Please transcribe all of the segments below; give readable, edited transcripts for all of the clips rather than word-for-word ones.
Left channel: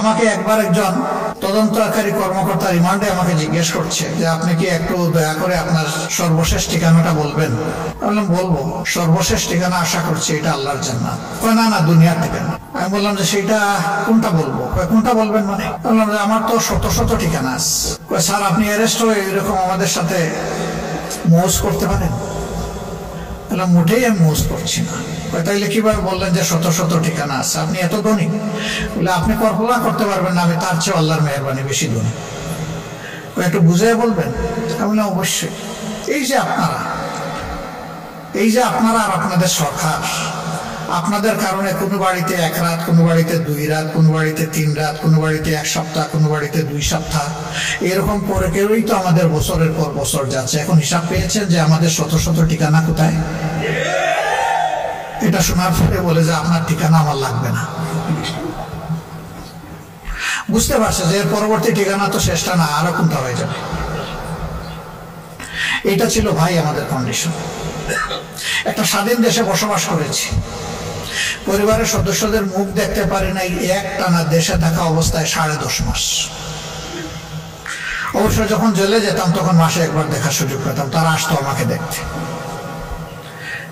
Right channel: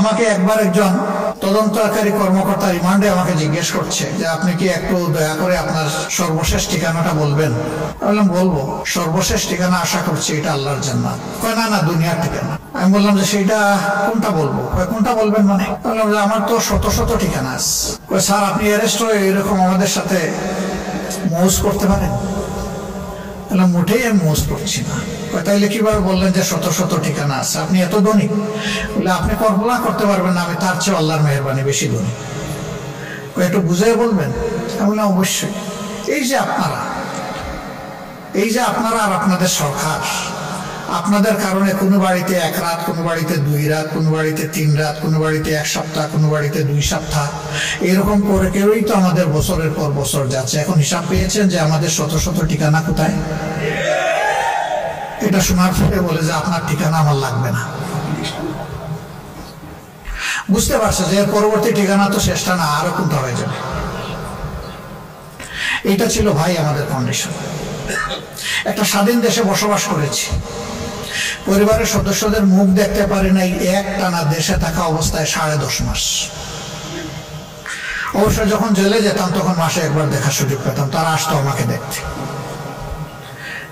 আমাকে একবার একজন তদন্তকারী কর্মকর্তা রিমান্ডে আমাকে জিজ্ঞেস করছে যে আপনি কি একটু দয়া করে আপনার সর্বশেষ ঠিকানাটা বলবেন। বললাম বলবো, সর্বশেষ ঠিকানা আশা করছি এটা আল্লাহর জান্নাত। কয় না না, দুনিয়ার ঠিকানা। আমি বললাম যে সেইটা কোনটা বলবো? কয় কোনটা বলবেন মানে? বললাম যে আমার তো শত শত ঠিকানা আছে। কয় স্যার আপনি অ্যারেস্ট হয়ে এরকম আমাদের সাথে মৌজ করতে পারেন? বললাম মোটেই আমি মৌজ করছি না। তাইলে কিভাবে বললেন যে শত শত ঠিকানা আছে? আপনি এত ধনী? বলে আপনি কল্পনা করতে পারবেন না আমি তার চেয়ে আল্লাহর মেহেরবানি বেশি ধনী। একটু বুঝিয়ে বলবেন? আমি বললাম অবশ্যই। এই যে আপনারা আর আপনাদের সরকার, আপনাদের কারণে কোনো বাড়িতে 1 রাত, কোনো বাড়িতে 2 রাত, কোনো বাড়িতে 3 রাত, কোনো বাড়িতে 1 সপ্তাহ, কোনো বাড়িতে 2 সপ্তাহ, এরকম করে কেউই তো আমাদের বছরের পর বছর যাচ্ছে। এখন হিসাব পেয়েছেন যে আমাদের শত শত ঠিকানা কোথায়? এটা শোনার পরে বলে যে আপনার ঠিকানা আমার লাগবে না। বুঝতে পারছে যে এর পরবর্তী ঠিকানা তো শেষটা না, আরো কোনটা হয়ে যাবে। এটা ছিল ভাই আমাদের কন্ডিশন। একটা স্বাধীন দেশে বসবাস করেছি, পরিবারের সদস্যদের মুখ দেখতে পারি নাই একটানা দেশে থাকা অবস্থায় 10.5 মাস। অবশ্য যখন জেলে যেতাম তখন মাসে একবার দেখার সুযোগ পেতাম, তারা আসতো আমাকে দেখতে।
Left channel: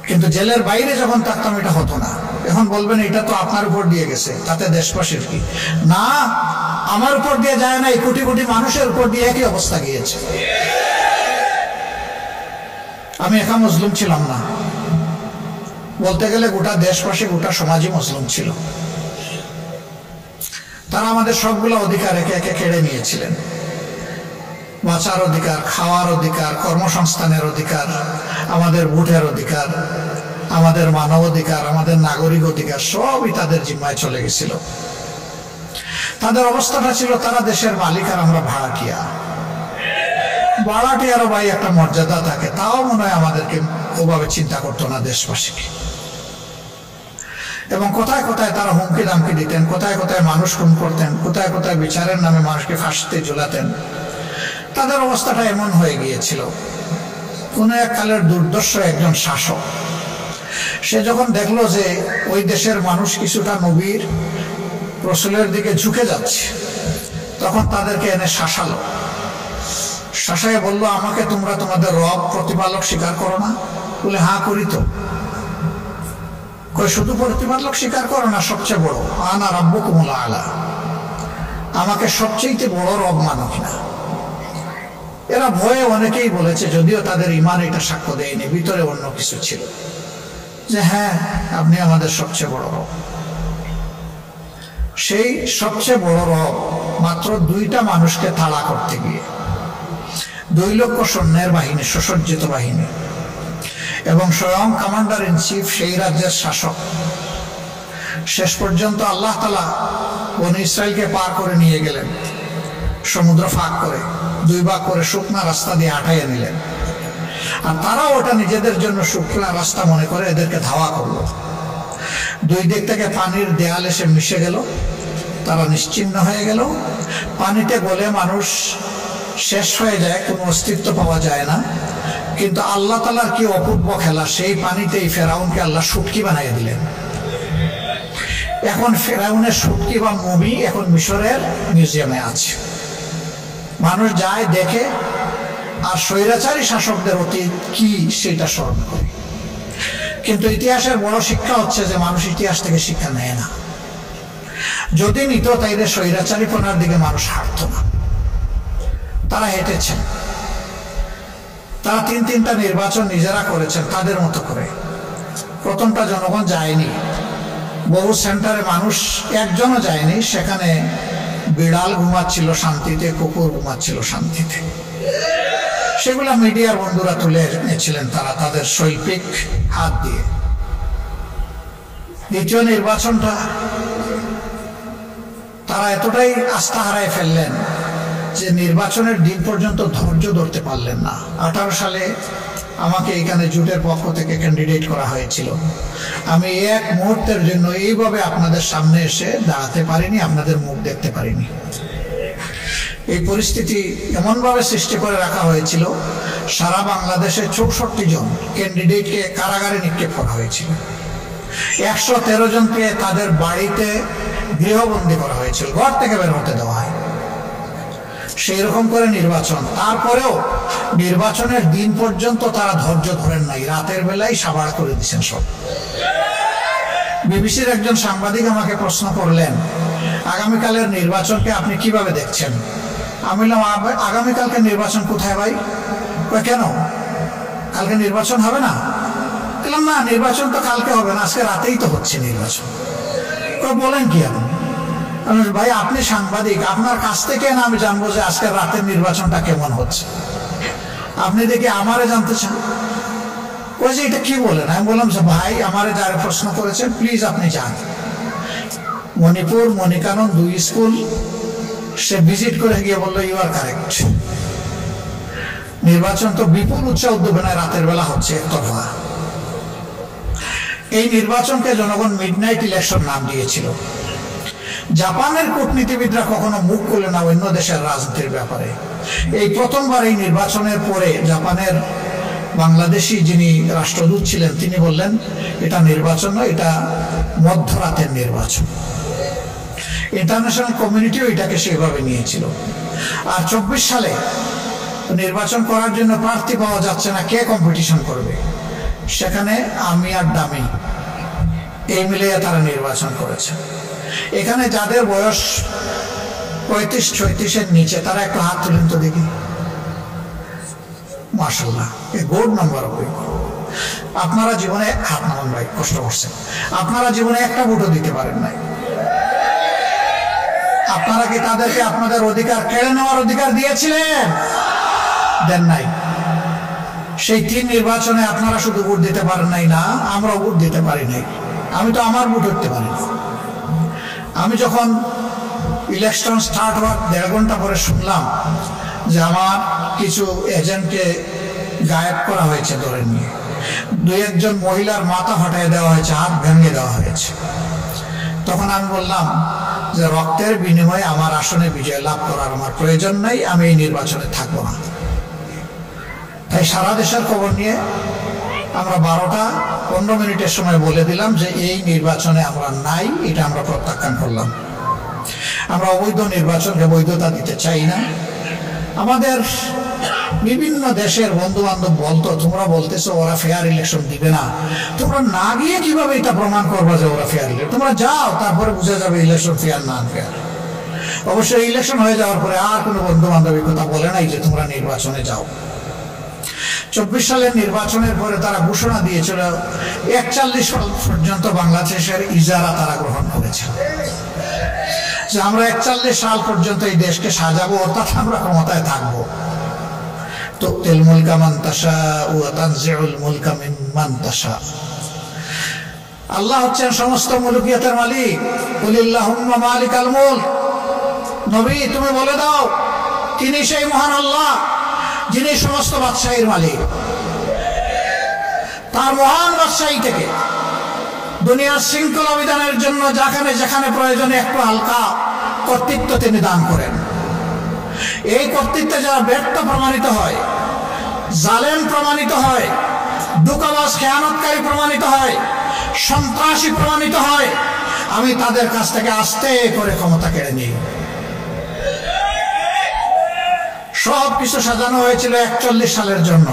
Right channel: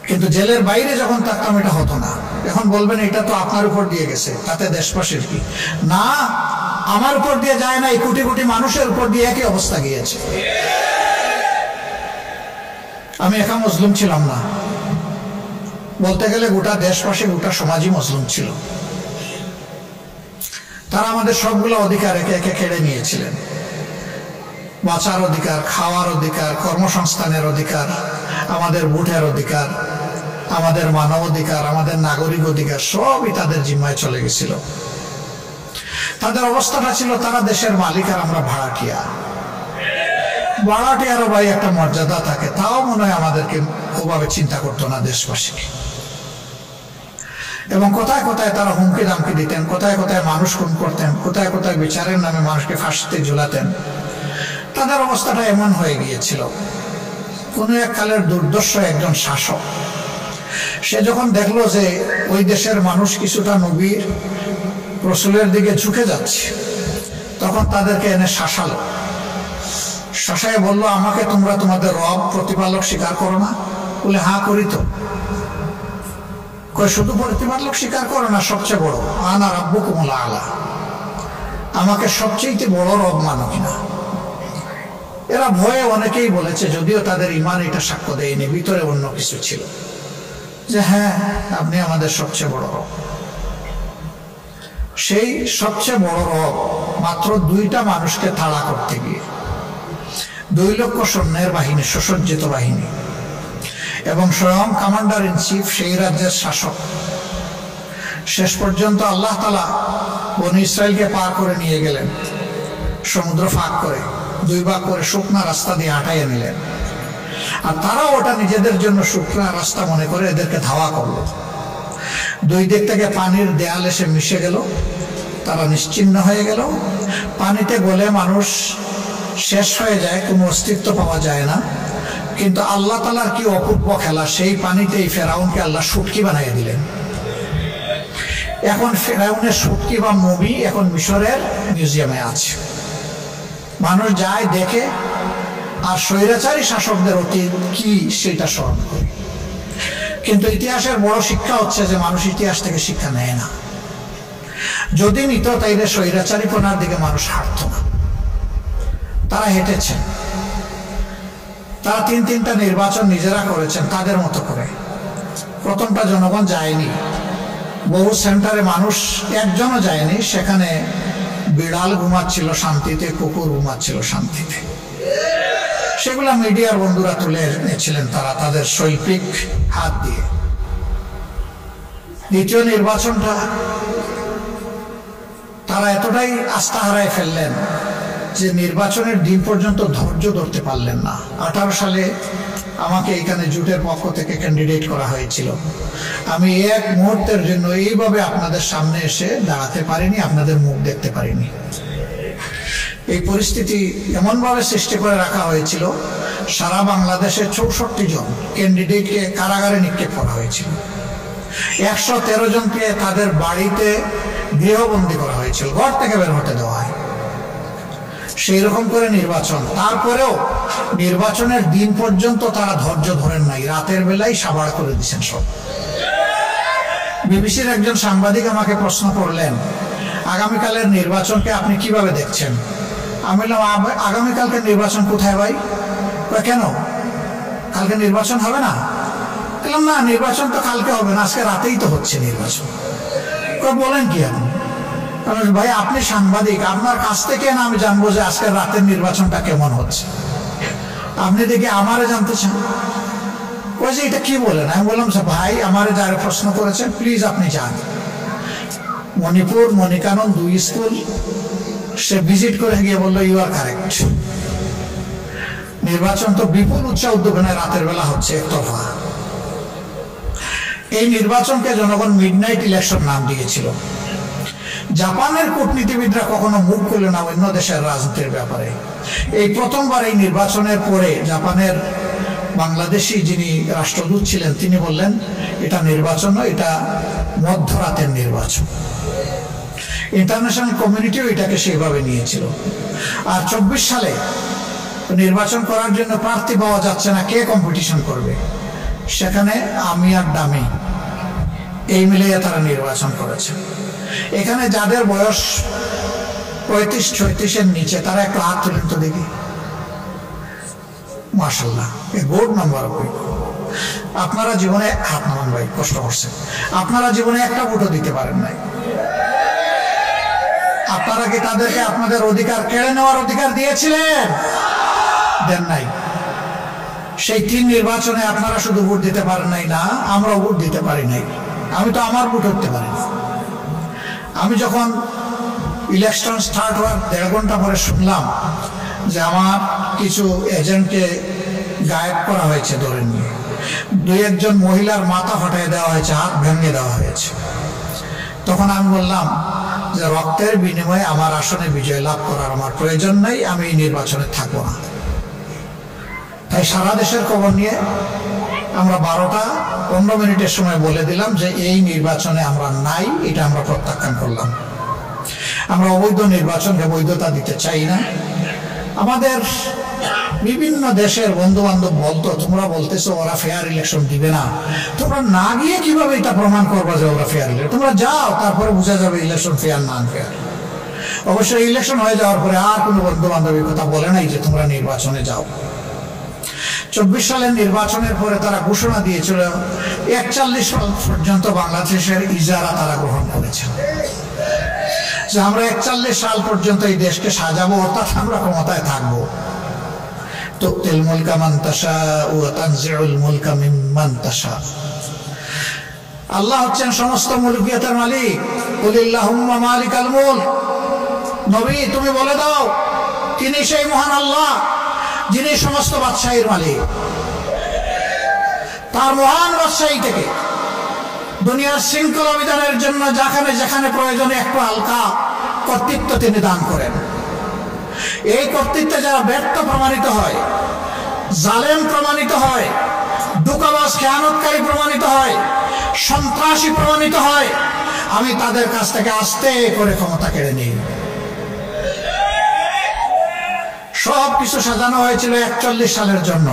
কিন্তু জেলের বাইরে যখন থাকতাম এটা হতো না। এখন বলবেন এটা তো আপনার উপর দিয়ে গেছে, তাতে দেশবাসীর কি? না, আমার উপর দিয়ে যায় না, এই কোটি কোটি মানুষের উপর দিয়ে একই অবস্থা গিয়েছে। আমি একা মজলুম ছিলাম না, বলতে গেলে গোটা দেশবাসী, গোটা সমাজই মজলুম ছিল। তারা আমাদের সবগুলো অধিকার একে একে কেড়ে নিয়েছিলেন। বাঁচার অধিকার, খাওয়ার অধিকার, কর্মসংস্থানের অধিকার, আমাদের ভোটের অধিকার, আমাদের মানব অধিকার, আমাদের নাগরিক অধিকার সবই তাদের জিম্মায় চলে গেছিল। তাদের অবস্থাটা ছিল তারা দেশের মালিক আর আমরা ভাড়াটিয়া। ভাড়াটিয়ারও ভাই একটা মর্যাদা থাকে, তাও মনে হয় আমাদেরকে ওভাবে চিন্তা করতো না দেশবাসীকে। এবং কোথায় কোথায় তারা হুমকি দামকি দিতেন, কোথায় কোথায় মানুষ খুন করতেন, কোথায় কোথায় বিচারের নামে মানুষকে ফাঁসিতে ঝুলাতেন। তাদের অবস্থাটা এমন হয়ে গিয়েছিল। কোনো এক কালের দুর্দর্শ একজন শাসক, সে যখন দেখলো যে ওই দেশের মানুষ কিছুটা নবীর রসুলের দিকে ঝুঁকে যাচ্ছে, তখন তাদেরকে এনে শাসালো। শাসায় বলল, আমাকে তোমরা তোমাদের রব প্রতিপালক স্বীকার করো না? বলে হ্যাঁ করি তো। কই শুধু প্রতিপালক স্বীকার করো না, সবচেয়ে বড় আনা রাব্বুকুমুল আলা, আমাকে সবচেয়ে বড় রব মানো কিনা? এরা ভয়ে অনেকেই বলেছে, যদিও তাদের ইমান এটা সাক্ষ্য দেয়নি, ভিতরে অন্য কিছু ছিল, যে হ্যাঁ আপনি আমাদের সবচেয়ে বড় রব। সেই সবচেয়ে বড় রব মাত্র 2টা মানুষকে তাড়া করতে গিয়ে 2 লক্ষ সৈন্যের বাহিনী, সুসজ্জিত বাহিনী, এবং স্বয়ং কমান্ডার ইন চিফ, সেই রাজ্যের শাসক, শেষ পর্যন্ত আল্লাহ তাআলা বনী ইসরায়েলকে পার করে নিয়ে গেলেন, সমুদ্র ফাঁক করে 2 ভাগ করে শুকনা রাস্তা দিয়ে আটাইয়ে নিলেন। আর তারাও ওটা নিজেদের জন্য শুকনা রাস্তা মনে করে এদেরকে ধাওয়া করলো। 2 দিক থেকে পানির দেয়াল এসে মিশে গেল, তারা নিশ্চিহ্ন হয়ে গেল। পানিতে গলে মানুষ শেষ হয়ে যায়, কোনো অস্তিত্ব পাওয়া যায় না। কিন্তু আল্লাহ তাআলার কি অপূর্ব খেলা, সেই পানিতেই ফেরাউনকে আল্লাহ শুটকি বানিয়ে দিলেন। এখন ফেরাউনের শুটকি বা মুভি এখন মিশরের মিউজিয়ামে আছে, মানুষ যায় দেখে, আর স্বৈরাচারী শাসকদের অতীত কি সেটা স্মরণ করে। কিন্তু ইতিহাসের বড় শিক্ষা হচ্ছে যে মানুষ ইতিহাস থেকে শিক্ষা নেয় না। যদি নিত তাইলে স্বৈরাচারীপনার দিকে মানুষ হাঁটত না। তারা হেঁটেছেন, তারা 3টা নির্বাচন নিজেরা করেছেন তাদের মতো করে। প্রথমটা জনগণ যায়নি, বহু সেন্টারে মানুষ একজনও যায়নি, সেখানে বিড়াল ঘুমাচ্ছিল শান্তিতে, কুকুর ঘুমাচ্ছিল শান্তিতে। সেগুলা মিডিয়ার বন্ধুরা তুলে এনেছিলেন তারা তাদের শৈল্পিক হাত দিয়ে। দ্বিতীয় নির্বাচনটা তারা এতটাই আস্থা হারায় ফেললেন যে নির্বাচনের দিন পর্যন্ত ধৈর্য ধরতে পারলেন না। 18 সালে আমাকে এখানে জোটের পক্ষ থেকে ক্যান্ডিডেট করা হয়েছিল। আমি এক মুহূর্তের জন্য এইভাবে আপনাদের সামনে এসে দাঁড়াতে পারিনি, আপনাদের মুখ দেখতে পারিনি। এই পরিস্থিতি এমনভাবে সৃষ্টি করে রাখা হয়েছিল, সারা বাংলাদেশে 64 জন ক্যান্ডিডেটকে কারাগারে নিক্ষেপ করা হয়েছিল। 113 জনকে তাদের বাড়িতে গৃহবন্দী করা হয়েছিল, ঘর থেকে বের হতে দেওয়া হয়। সেই রকম করে নির্বাচন। তারপরেও নির্বাচনের দিন পর্যন্ত তারা ধৈর্য ধরেন নাই, রাতের বেলায় সাবাড় করে দিচ্ছেন সব। বিবিসির একজন সাংবাদিক আমাকে প্রশ্ন করলেন, আগামীকালের নির্বাচনকে আপনি কিভাবে দেখছেন? আমি বললাম, আগামীকালকে নির্বাচন কোথায় ভাই? কেন, কালকে নির্বাচন হবে না? বললাম, না, নির্বাচন তো কালকে হবে না, আজকে রাতেই তো হচ্ছে নির্বাচন। বলেন কি আপনি? ভাই, আপনি সাংবাদিক, আপনার কাছ থেকে না আমি জানবো যে আজকের রাতের নির্বাচনটা কেমন হচ্ছে? আপনি দেখি আমারে জানতে চান? ওই যে এটা কি বলেন? আমি বললাম যে ভাই, আমারে যারা প্রশ্ন করেছেন প্লিজ আপনি যান। মণিপুর মণিকানন 2 স্কুল সে ভিজিট করে গিয়ে বললো, ইউ আর কারেক্ট, নির্বাচন তো বিপুল উৎসাহ উদ্দীপনায় রাতের বেলা হচ্ছে একতরফা। এই নির্বাচনকে জনগণ মিডনাইট ইলেকশন নাম দিয়েছিল। জাপানের কূটনীতিবিদরা কখনো মুখ করলেন না অন্য দেশের রাজনীতির ব্যাপারে। এই প্রথমবার এই নির্বাচনের পরে জাপানের বাংলাদেশি যিনি রাষ্ট্রদূত ছিলেন তিনি বললেন, এটা নির্বাচন নয়, এটা মধ্যরাতের নির্বাচন। ইন্টারন্যাশনাল কমিউনিটিও এটাকে সেইভাবে নিয়েছিল। আর 24 সালে নির্বাচন করার জন্য প্রার্থী পাওয়া যাচ্ছে না, কে কম্পিটিশন করবে? সেখানে আমি আর ডামি এই মিলিয়ে তারা নির্বাচন করেছে। এখানে যাদের বয়স 35-36 নিচে তারা একটু হাত তুলেন তো দেখি। মাশাআল্লাহ, a good number of people. আপনারা জীবনে হাত নামান ভাই, কষ্ট করছেন। আপনারা জীবনে একটা ভোটও দিতে পারেন নাই। আপনারা কি তাদেরকে আপনাদের অধিকার কেড়ে নেওয়ার অধিকার দিয়েছিলেন? দেন নাই। সেই 3 নির্বাচনে আপনারা শুধু ভোট দিতে পারেন নাই না, আমরাও ভোট দিতে পারি নাই। আমি তো আমার ভোট হতে পারি। আমি যখন ইলেকশন স্টার্ট হওয়ার 1.5 ঘন্টা পরে শুনলাম যে আমার কিছু এজেন্টকে গায়েব করা হয়েছে ধরে নিয়ে, 2-1 জন মহিলার মাথা ফাটিয়ে দেওয়া হয়েছে, হাত ভেঙে দেওয়া হয়েছে, তখন আমি বললাম যে রক্তের বিনিময়ে আমার আসনে বিজয় লাভ করার আমার প্রয়োজন নাই, আমি এই নির্বাচনে থাকবো না। তাই সারা দেশের খবর নিয়ে আমরা 12টা 15 মিনিটের সময় বলে দিলাম যে এই নির্বাচনে আমরা নাই, এটা আমরা প্রত্যাখ্যান করলাম। আমরা অবৈধ নির্বাচনকে বৈধতা দিতে চাই না। আমাদের বিভিন্ন দেশের বন্ধু বান্ধব বলতো, তোমরা বলতেছো ওরা ফেয়ার ইলেকশন দিবে না, তোমরা না গিয়ে কিভাবে এটা প্রমাণ করবা যে ওরা ফেয়ার ইলেকশন? তোমরা যাও, তারপরে বোঝা যাবে ইলেকশন ফেয়ার না ফেয়ার। অবশ্যই ইলেকশন হয়ে যাওয়ার পরে আর কোনো বন্ধু বান্ধবের কথা বলে নাই যে তোমরা নির্বাচনে যাও। 24 সালের নির্বাচনের পরে তারা ঘোষণা দিয়েছিল 41 সাল পর্যন্ত বাংলাদেশের ইজারা তারা গ্রহণ করেছে, যে আমরা 41 সাল পর্যন্ত এই দেশকে সাজাবো, অর্থাৎ আমরা ক্ষমতায় থাকবো। তুতিল মুলকা মান তাশা ওয়া তানজিউল মুলকা মিম্মান তাশা। আল্লাহ হচ্ছেন সমস্ত মুলকিয়াতের মালিক। কুলিল্লাহুম্মা মালিকাল মুলক। নবী তুমি বলে দাও, তিনি সেই মহান আল্লাহ যিনি সমস্ত বাদশাহীর মালিক। তার মহান বাদশাহী থেকে দুনিয়ার শৃঙ্খলা বিধানের জন্য যেখানে যেখানে প্রয়োজনে একটু হালকা কর্তৃত্ব তিনি দান করেন। এই কর্তৃত্বে যারা ব্যর্থ প্রমাণিত হয়, জালেম প্রমাণিত হয়, ধোঁকাবাজ খেয়ানতকারী প্রমাণিত হয়, সন্ত্রাসী প্রমাণিত হয়, আমি তাদের কাছ থেকে আস্তে করে ক্ষমতা কেড়ে নিই। সব কিছু সাজানো হয়েছিল 41 সালের জন্য।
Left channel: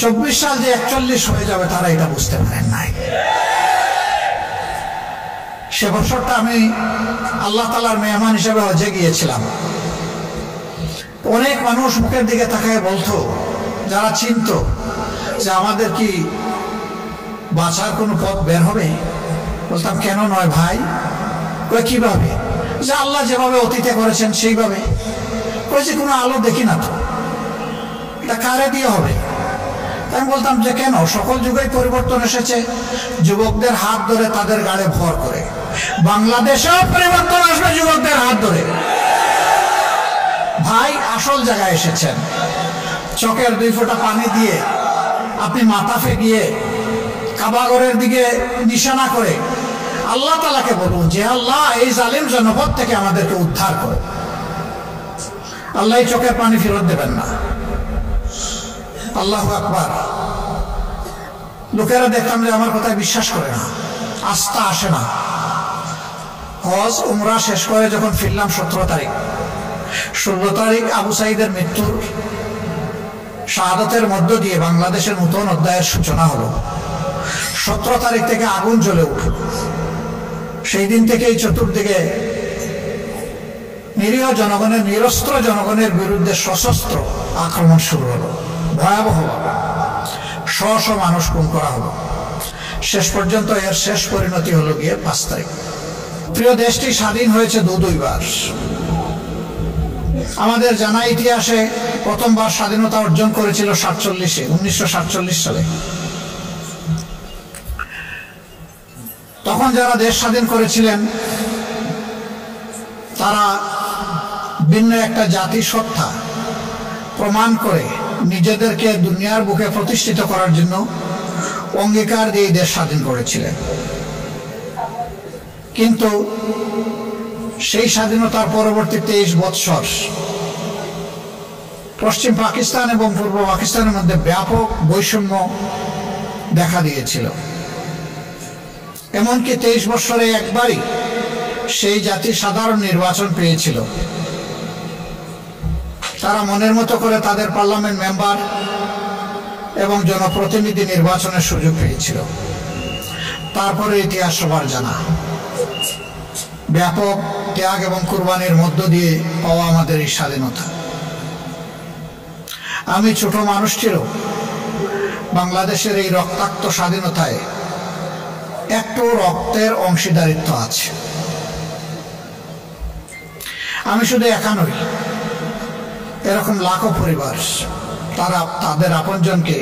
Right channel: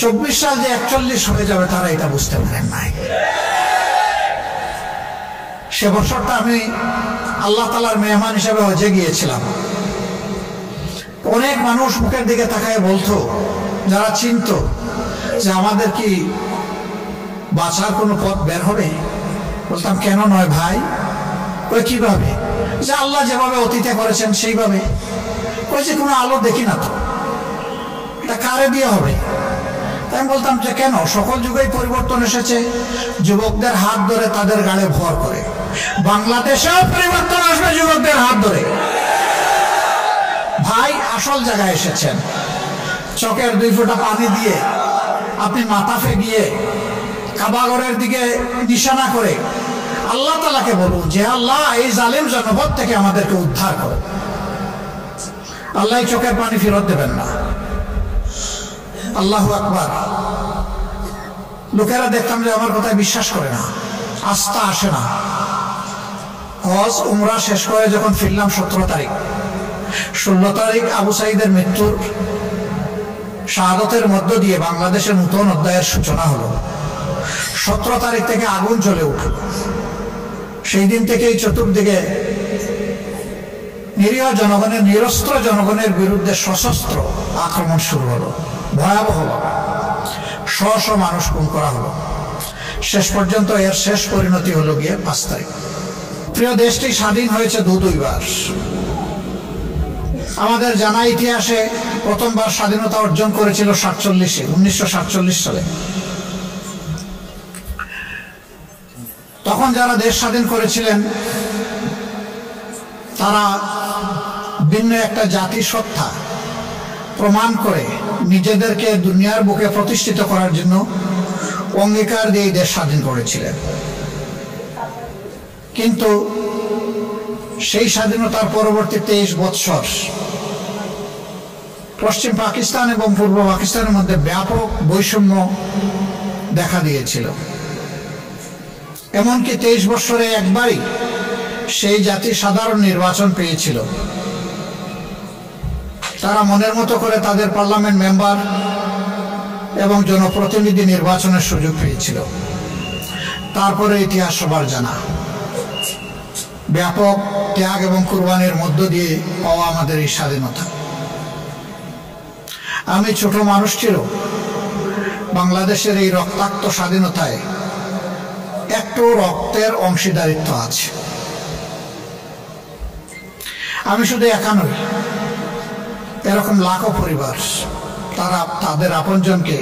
24 সাল যে 41 হয়ে যাবে তারা এটা বুঝতে পারেন নাই। সে বছরটা আমি আল্লাহ তাআলার মেহমান হিসেবে হজে গিয়েছিলাম। অনেক মানুষ মুখের দিকে তাকায় বলতো, যারা চিনতো, যে আমাদের কি বাঁচার কোনো পথ বের হবে? বলতাম কেন নয় ভাই? কই কিভাবে? যে আল্লাহ যেভাবে অতীতে করেছেন সেইভাবে। কই যে কোনো আলো দেখি না তো, এটা কারে দিয়ে হবে? তাই আমি বলতাম যে কেন, সকল যুগেই পরিবর্তন এসেছে, যুবকদের হাত ধরে তাদের গাড়ে ভর করে। বাংলাদেশেও পরিবর্তন আসবে যুবকদের হাত ধরে। ভাই আসল জায়গায় এসেছেন। চোখের 2 ফোঁটা পানি দিয়ে আপনি মাথাফে গিয়ে কাবাগরের দিকে নিশানা করে আল্লাহ তাআলাকে বলুন যে আল্লাহ এই জালিম জনপদ থেকে আমাদেরকে উদ্ধার করো। আল্লাহ চোখের পানি ফেরত দেবেন না। আল্লাহু আকবার। লোকেরা দেখতাম যে আমার কথায় বিশ্বাস করে না। আস্থা আসে না। হজ উমরা শেষ করে যখন ফিরলাম 17 তারিখ, 16 তারিখ আবু সাঈদের মৃত্যুর শাহাদতের মধ্য দিয়ে বাংলাদেশের নতুন অধ্যায়ের সূচনা হলো। 17 তারিখ থেকে আগুন জ্বলে উঠল। সেই দিন থেকেই চতুর্দিকে নিরীহ জনগণের, নিরস্ত্র জনগণের বিরুদ্ধে সশস্ত্র আক্রমণ শুরু হলো। ভয়াবহভাবে শ মানুষ খুন করা হলো। শেষ পর্যন্ত এর শেষ পরিণতি হলো গিয়ে 5 তারিখ। প্রিয় দেশটি স্বাধীন হয়েছে দুইবার। আমাদের জানা ইতিহাসে প্রথমবার স্বাধীনতা অর্জন করেছিল 1947 সালে। তখন যারা দেশ স্বাধীন করেছিলেন তারা ভিন্ন একটা জাতি সত্তা প্রমাণ করে নিজেদেরকে দুনিয়ার বুকে প্রতিষ্ঠিত করার জন্য অঙ্গীকার দিয়ে দেশ স্বাধীন করেছিলেন। কিন্তু সেই স্বাধীনতার পরবর্তী 23 বৎসর পশ্চিম পাকিস্তান এবং পূর্ব পাকিস্তানের মধ্যে ব্যাপক বৈষম্য দেখা দিয়েছিল। এমনকি 23 বৎসরে একবারই সেই জাতি সাধারণ নির্বাচন পেয়েছিল। তারা মনের মতো করে তাদের পার্লামেন্ট মেম্বার এবং জনপ্রতিনিধি নির্বাচনের সুযোগ পেয়েছিল। তারপরে ইতিহাস সবার জানা, ব্যাপক ত্যাগ এবং কুরবানির মধ্য দিয়ে পাওয়া আমাদের এই স্বাধীনতা। আমি ছোট মানুষটিরও বাংলাদেশের এই রক্তাক্ত স্বাধীনতায় একটু রক্তের অংশীদারিত্ব আছে। আমি শুধু একা নই, এরকম লাখো পরিবার তারা তাদের আপনজনকে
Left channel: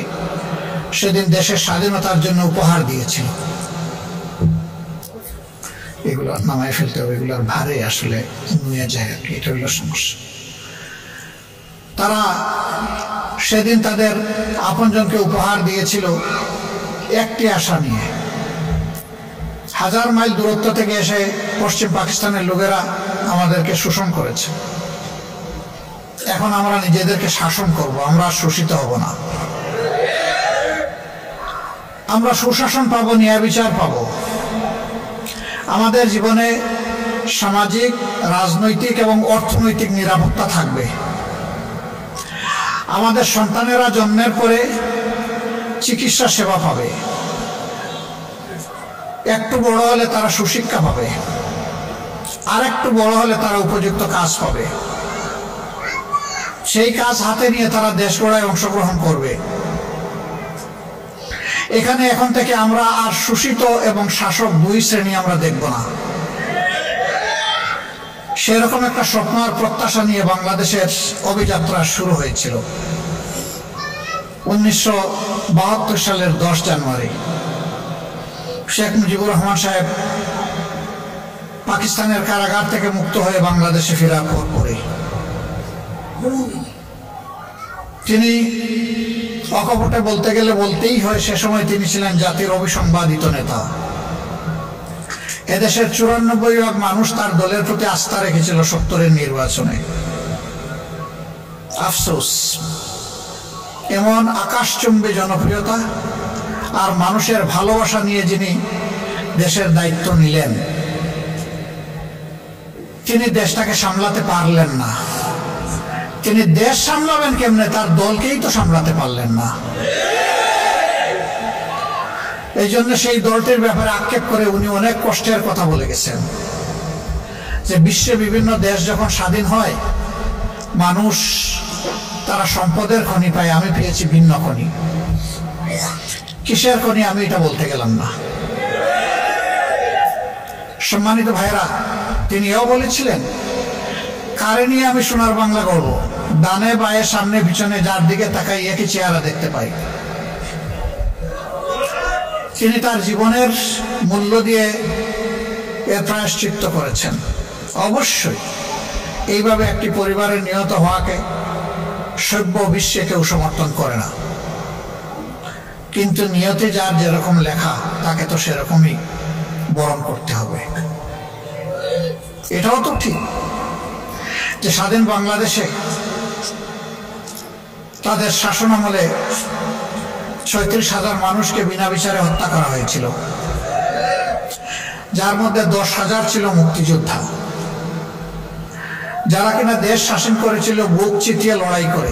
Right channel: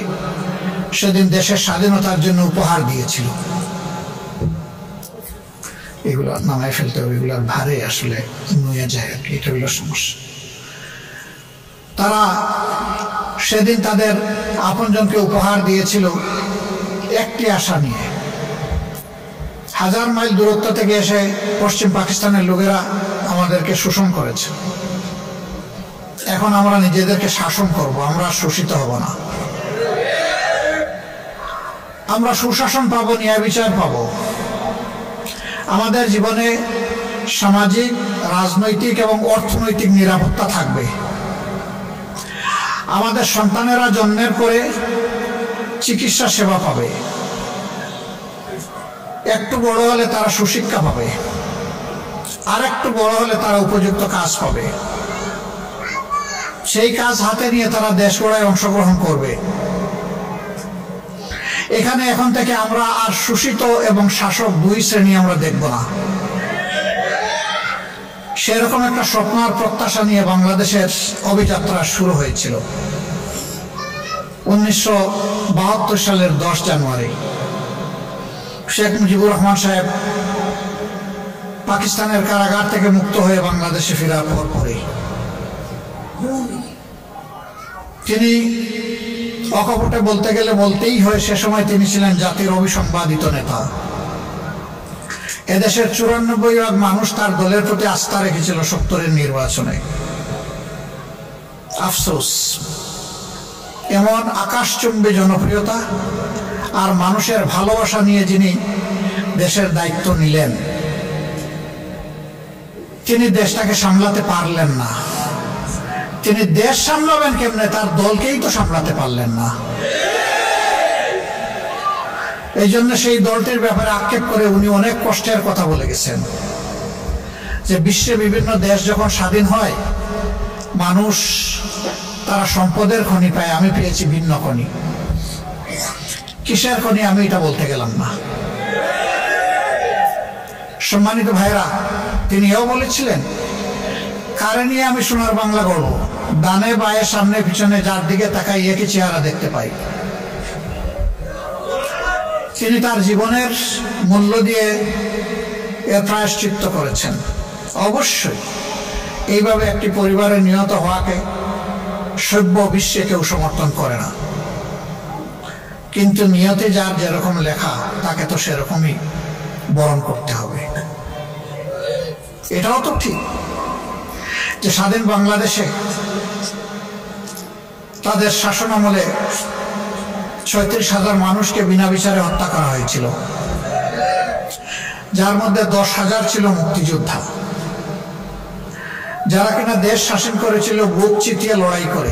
সেদিন দেশের স্বাধীনতার জন্য উপহার দিয়েছিল। এগুলো নামায় ফেলতে হবে, এগুলোর ভারে আসলে নুয়ে যায়, এটা হইল সমস্যা। তারা সেদিন তাদের আপনজনকে উপহার দিয়েছিল একটি আশা নিয়ে। 1000 মাইল দূরত্ব থেকে এসে পশ্চিম পাকিস্তানের লোকেরা আমাদেরকে শোষণ করেছে। এখন আমরা নিজেদেরকে শাসন করব, আমরা শোষিত হব না। আমরা সুশাসন পাবো, ন্যায় বিচার পাবো। আমাদের জীবনে সামাজিক, রাজনৈতিক এবং অর্থনৈতিক নিরাপত্তা থাকবে। আমাদের সন্তানেরা জন্মের পরে চিকিৎসা সেবা পাবে, একটু বড় হলে তারা সুশিক্ষা পাবে, আর একটু বড় হলে তারা উপযুক্ত কাজ পাবে। সেই কাজ হাতে নিয়ে তারা দেশ গড়ায় অংশগ্রহণ করবে। এখানে এখন থেকে আমরা আর শোষিত এবং শাসক দুই শ্রেণী আমরা দেখব না। সেরকম একটা স্বপ্ন আর প্রত্যাশা নিয়ে বাংলাদেশের অভিযাত্রা শুরু হয়েছিল 1972 সালের 10 জানুয়ারি। শেখ মুজিবুর রহমান সাহেব পাকিস্তানের কারাগার থেকে মুক্ত হয়ে বাংলাদেশে ফেরার পরে তিনি অকপটে বলতে গেলে বলতেই হয়, সে সময় তিনি ছিলেন জাতির অবিসংবাদিত নেতা। এদেশের 94% মানুষ তার দলের প্রতি আস্থা রেখেছিল 70-এর নির্বাচনে। আফসোস, এমন আকাশচুম্বী জনপ্রিয়তা আর মানুষের ভালোবাসা নিয়ে যিনি দেশের দায়িত্ব নিলেন, তিনি দেশটাকে সামলাতে পারলেন না। তিনি দেশ সামলাবেন কেমনে, তার দলকেই তো সামলাতে পারলেন না। এই জন্য সেই দলটির ব্যাপারে আক্ষেপ করে উনি অনেক কষ্টের কথা বলে গেছেন যে বিশ্বে বিভিন্ন দেশ যখন স্বাধীন হয় মানুষ তারা সম্পদের খনি পায়, আমি পেয়েছি ভিন্ন খনি। কিসের খনি আমি এটা বলতে গেলাম না। সম্মানিত ভাইরা, তিনি এও বলেছিলেন, কারে নিয়ে আমি সোনার বাংলা গড়ব, ডানে বায়ে সামনে পিছনে যার দিকে তাকাই একই চেহারা দেখতে পাই। তিনি তার জীবনের মূল্য দিয়ে এর প্রায়শ্চিত্ত করেছেন। অবশ্যই এইভাবে একটি পরিবারের নিহত হওয়াকে সভ্য বিশ্বে কেউ সমর্থন করে না, কিন্তু নিয়তে যার যেরকম লেখা তাকে তো সেরকমই বরণ করতে হবে। এটাও তো ঠিক যে স্বাধীন বাংলাদেশে তাদের শাসন আমলে 36,000 মানুষকে বিনা বিচারে হত্যা করা হয়েছিল। যার মধ্যে 10,000 ছিল মুক্তিযোদ্ধা, যারা কিনা দেশ শাসন করেছিল বুক চিতিয়ে লড়াই করে।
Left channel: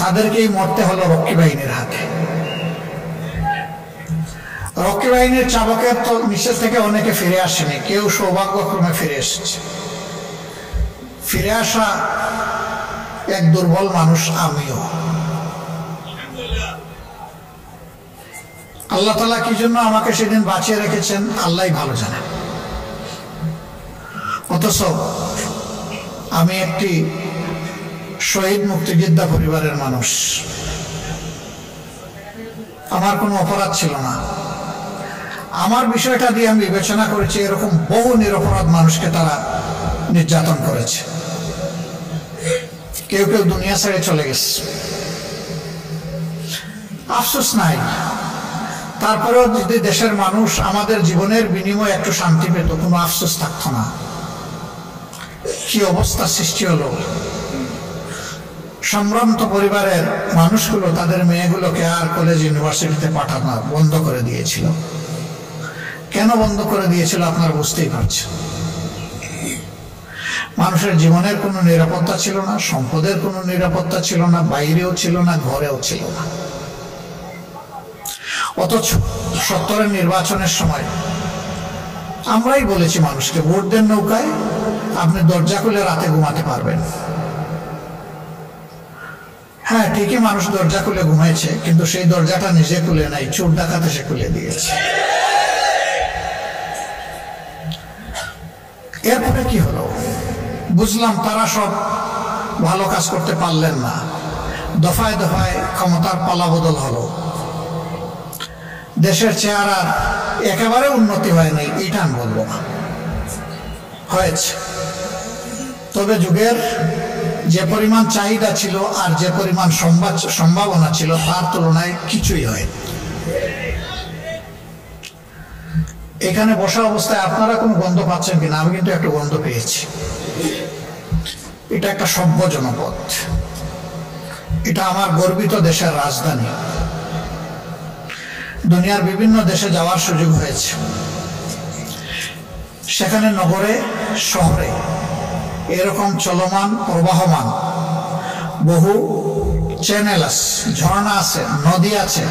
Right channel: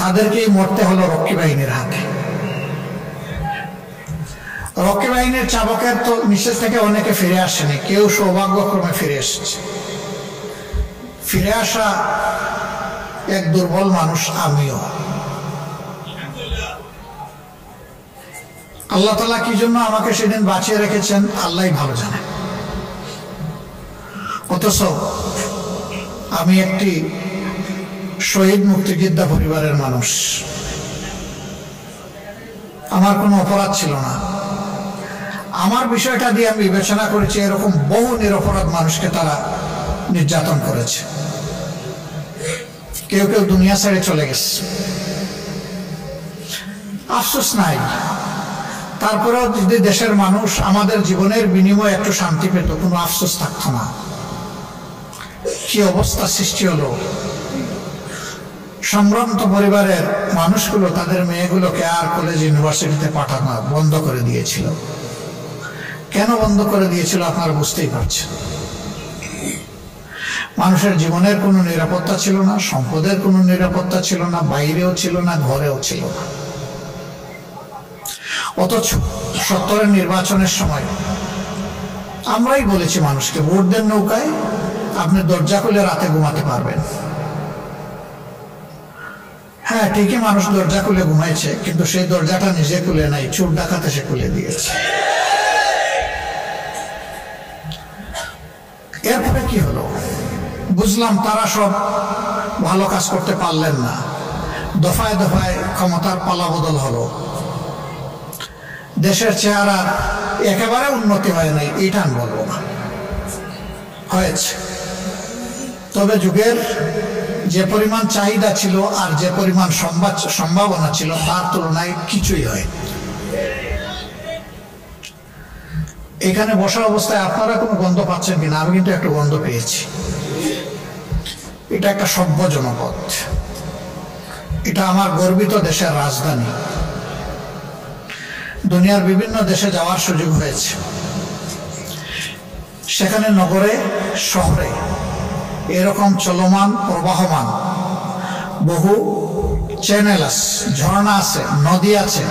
তাদেরকেই মরতে হলো রক্ষী বাহিনীর হাতে। রক্ষী বাহিনীর চাবকের তো নিষেধ থেকে অনেকে ফিরে আসেনি, কেউ সৌভাগ্যক্রমে ফিরে এসেছে। ফিরে আসা এক দুর্বল মানুষ আমিও। আল্লাহ তাআলা কি জন্য আমাকে সেদিন বাঁচিয়ে রেখেছেন আল্লাহই ভালো জানে। অথচ আমি একটি শহীদ মুক্তিযোদ্ধা পরিবারের মানুষ, আমার কোনো অপরাধ ছিল না। আমার বিষয়টা দিয়ে আমি বিবেচনা করেছি এরকম বহু নিরপরাধ মানুষকে তারা নির্যাতন করেছে। কেউ কেউ দুনিয়া ছেড়ে চলে গেছে, আফসোস নাই। তারপরেও যদি দেশের মানুষ আমাদের জীবনের বিনিময়ে একটু শান্তি পেত, কোনো আফসোস থাকতো না। কি অবস্থা সৃষ্টি হলো। সম্ভ্রান্ত পরিবারের মানুষগুলো তাদের মেয়েগুলোকে আর কলেজ ইউনিভার্সিটিতে পাঠানো বন্ধ করে দিয়েছিল। কেন বন্ধ করে দিয়েছিল আপনারা বুঝতেই পারছেন। মানুষের জীবনের কোনো নিরাপত্তা ছিল না, সম্পদের কোনো নিরাপত্তা ছিল না, বাইরেও ছিল না, ঘরেও ছিল না। অথচ 70-এর নির্বাচনের সময় আমরাই বলেছি মানুষকে, ভোট দেন নৌকায়, আপনি দরজা খুলে রাতে ঘুমাতে পারবেন। হ্যাঁ, ঠিকই মানুষ দরজা খুলে ঘুমাইছে, কিন্তু সেই দরজাটা নিজে খুলে নাই, চোর ডাকাত এসে খুলে দিয়েছে। এরপরে কি হলো বুঝলাম, তারা সব ভালো কাজ করতে পারলেন না। দফায় দফায় ক্ষমতার পালাবদল হলো। দেশের চেহারার একেবারে উন্নতি হয় নাই এটা আমি বলবো না, হয়েছে। তবে যুগের যে পরিমাণ চাহিদা ছিল আর যে পরিমাণ সম্ভাবনা ছিল তার তুলনায় কিছুই হয়। এখানে বসা অবস্থায় আপনারা কোনো গন্ধ পাচ্ছেন কিনা? আমি কিন্তু একটা গন্ধ পেয়েছি। এটা একটা সভ্য জনপদ, এটা আমার গর্বিত দেশের রাজধানী। দুনিয়ার বিভিন্ন দেশে যাওয়ার সুযোগ হয়েছে। সেখানে নগরে শহরে এরকম চলমান প্রবাহমান বহু চ্যানেল আছে, ঝর্ণা আছে, নদী আছে,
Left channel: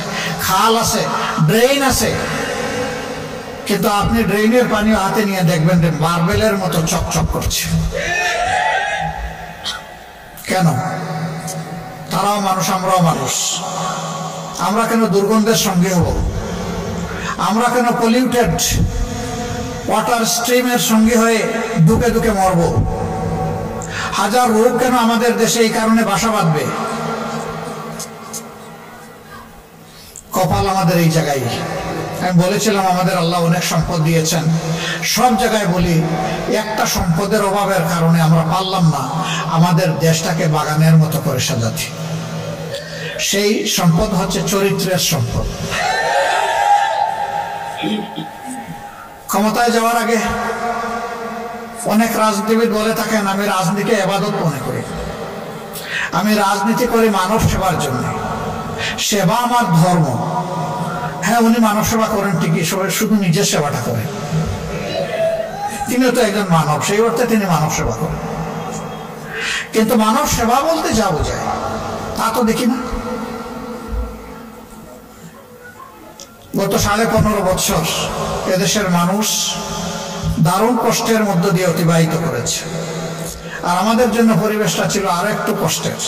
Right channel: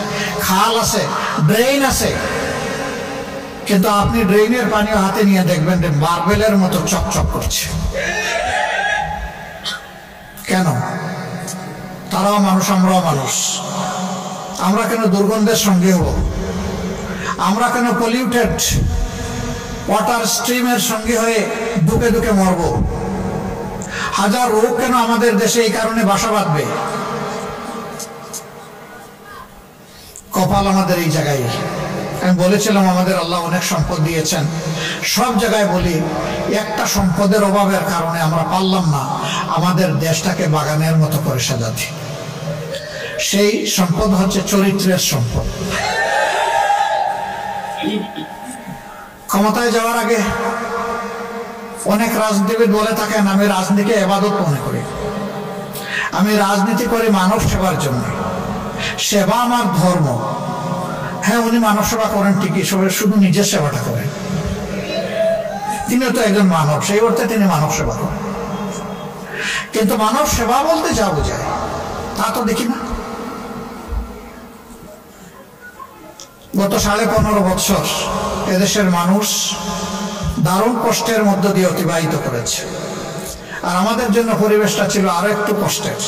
খাল আছে, ড্রেন আছে। কিন্তু আপনি ড্রেনের পানিও হাতে নিয়ে দেখবেন যে মার্বেলের মতো চকচক করছে। কেন? তারাও মানুষ, আমরাও মানুষ। আমরা কেন দুর্গন্ধের সঙ্গে হব? আমরা কেন পলিউটেড ওয়াটার স্ট্রিমের সঙ্গে হয়ে দুকে দুকে মরব? হাজার রোগ কেন আমাদের দেশে এই কারণে বাসা বাঁধবে? কপাল আমাদের এই জায়গায়। আমি বলেছিলাম আমাদের আল্লাহ অনেক সম্পদ দিয়েছেন, সব জায়গায় বলি একটা সম্পদের অভাবের কারণে আমরা পারলাম না আমাদের দেশটাকে বাগানের মতো করে সাজাতে। সেই সম্পদ হচ্ছে চরিত্রের সম্পদ। ক্ষমতায় যাওয়ার আগে অনেক রাজনীতিবিদ বলে থাকেন আমি রাজনীতিকে ইবাদত মনে করি, আমি রাজনীতি করি মানব সেবার জন্য, সেবা আমার ধর্ম। হ্যাঁ, উনি মানব সেবা করেন ঠিকই, শুধু নিজের সেবাটা করেন। তিনিও তো একজন মানব, সেই অর্থে তিনি মানব সেবা করেন। কিন্তু মানব সেবা বলতে যা বোঝায় তা তো দেখি না। গত 15.5 বছর এদেশের মানুষ দারুণ কষ্টের মধ্য দিয়ে অতিবাহিত করেছে, আর আমাদের জন্য পরিবেশটা ছিল আরো একটু কষ্টের।